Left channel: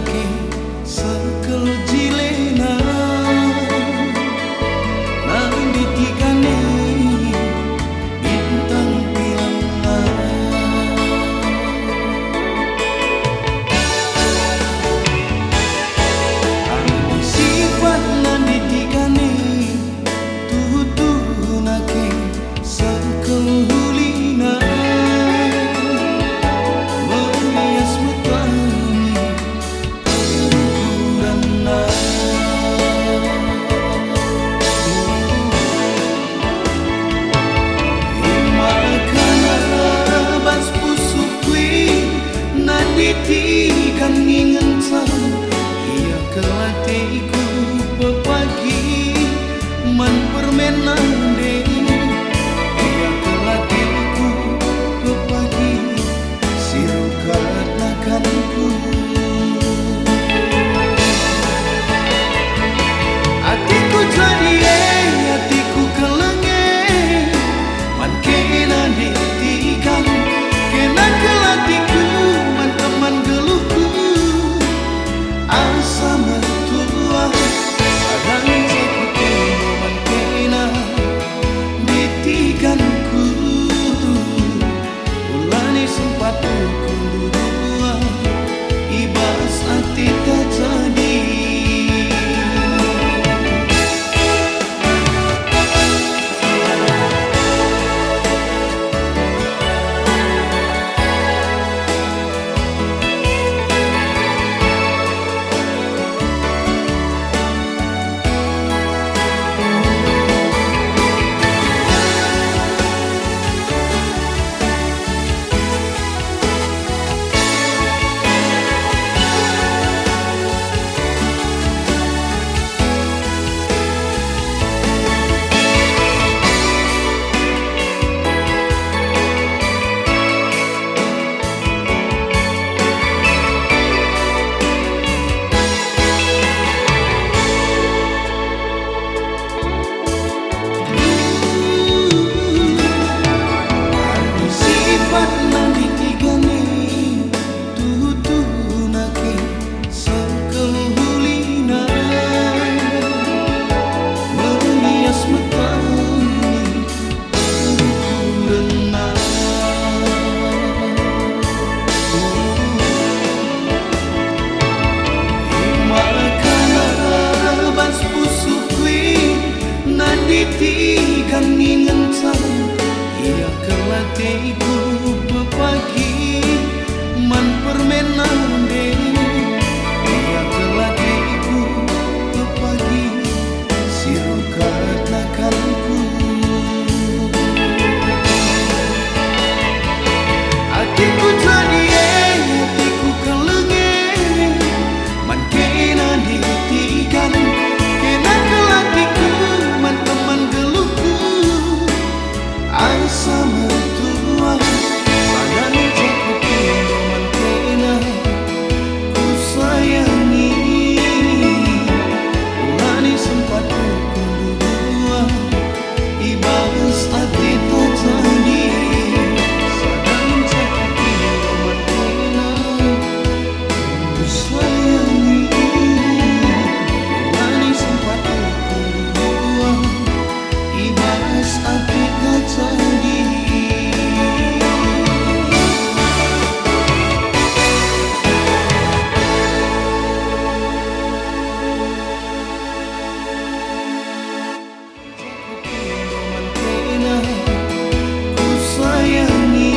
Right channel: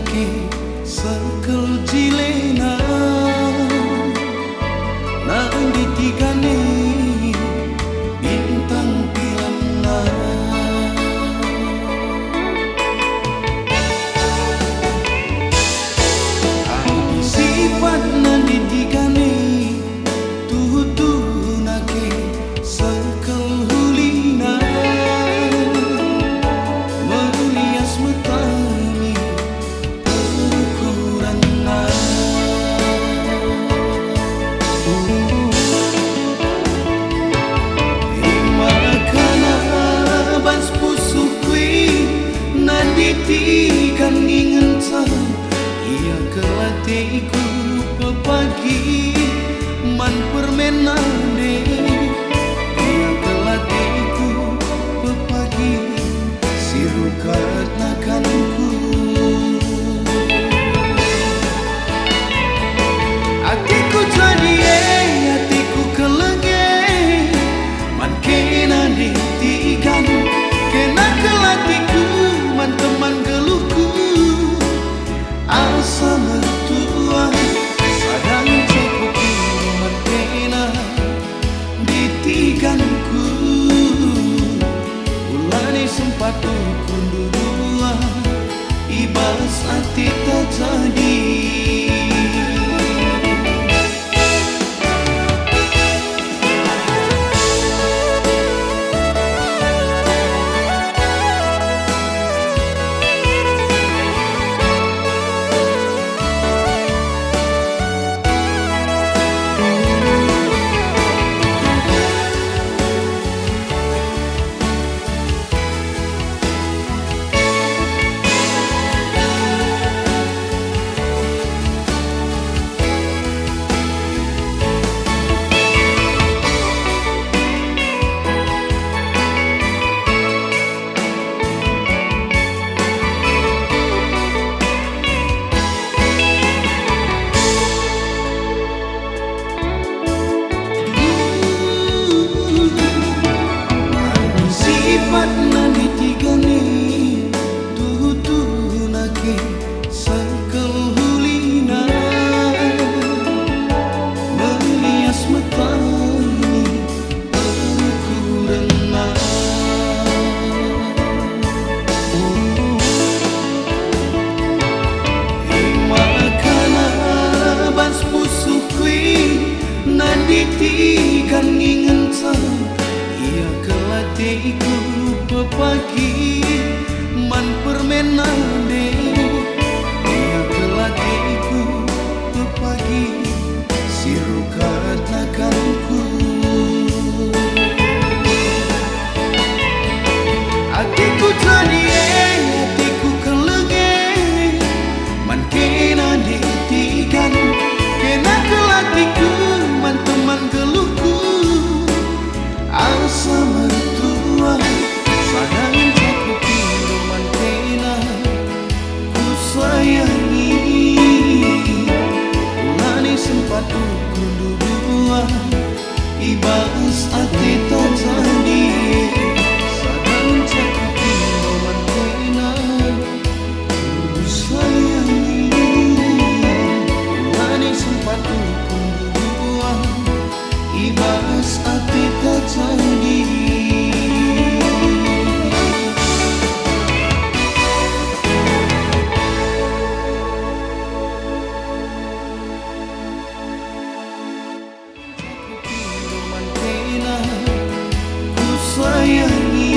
nake sekel jilena nandi tigane bintang pilana adi sifat nandi tigane tutu nake sekel hulina melias metani perukuran makana bas pusuh kui nanditikan ningentan ia kelatiku pepagi man permenande ia kelatiku pepagi sirukat nakanku hatiku jadi hatiku kelenge man kena ditikan kena kelatiku man teman geluhku asa mertua sadang cakupino man kena ditikanku ulani sempat ukur dua ibas hati tak jadi sifat nandi tigane tutu nake sekel hulina melias metani perukuran makana bas pusuh kui nanditikan ningentan ia kelatiku pepagi man permenande ia kelatiku pepagi sirukat nakanku hatiku jadi hatiku kelenge man kena ditikan kena kelatiku man teman geluhku asa mertua sadang cakupindo man kena ku sayangi ulani sempat ukur dua ibas hati tak jadi sadang cakupindo man kena ku sayangi ulani sempat ukur dua ibas hati tak jadi cakupindo man kena ku sayangi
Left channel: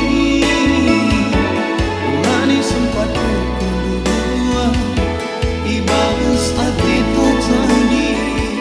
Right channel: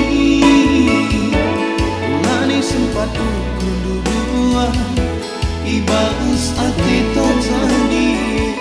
ulani sempat ukur dua ibas hati tak jadi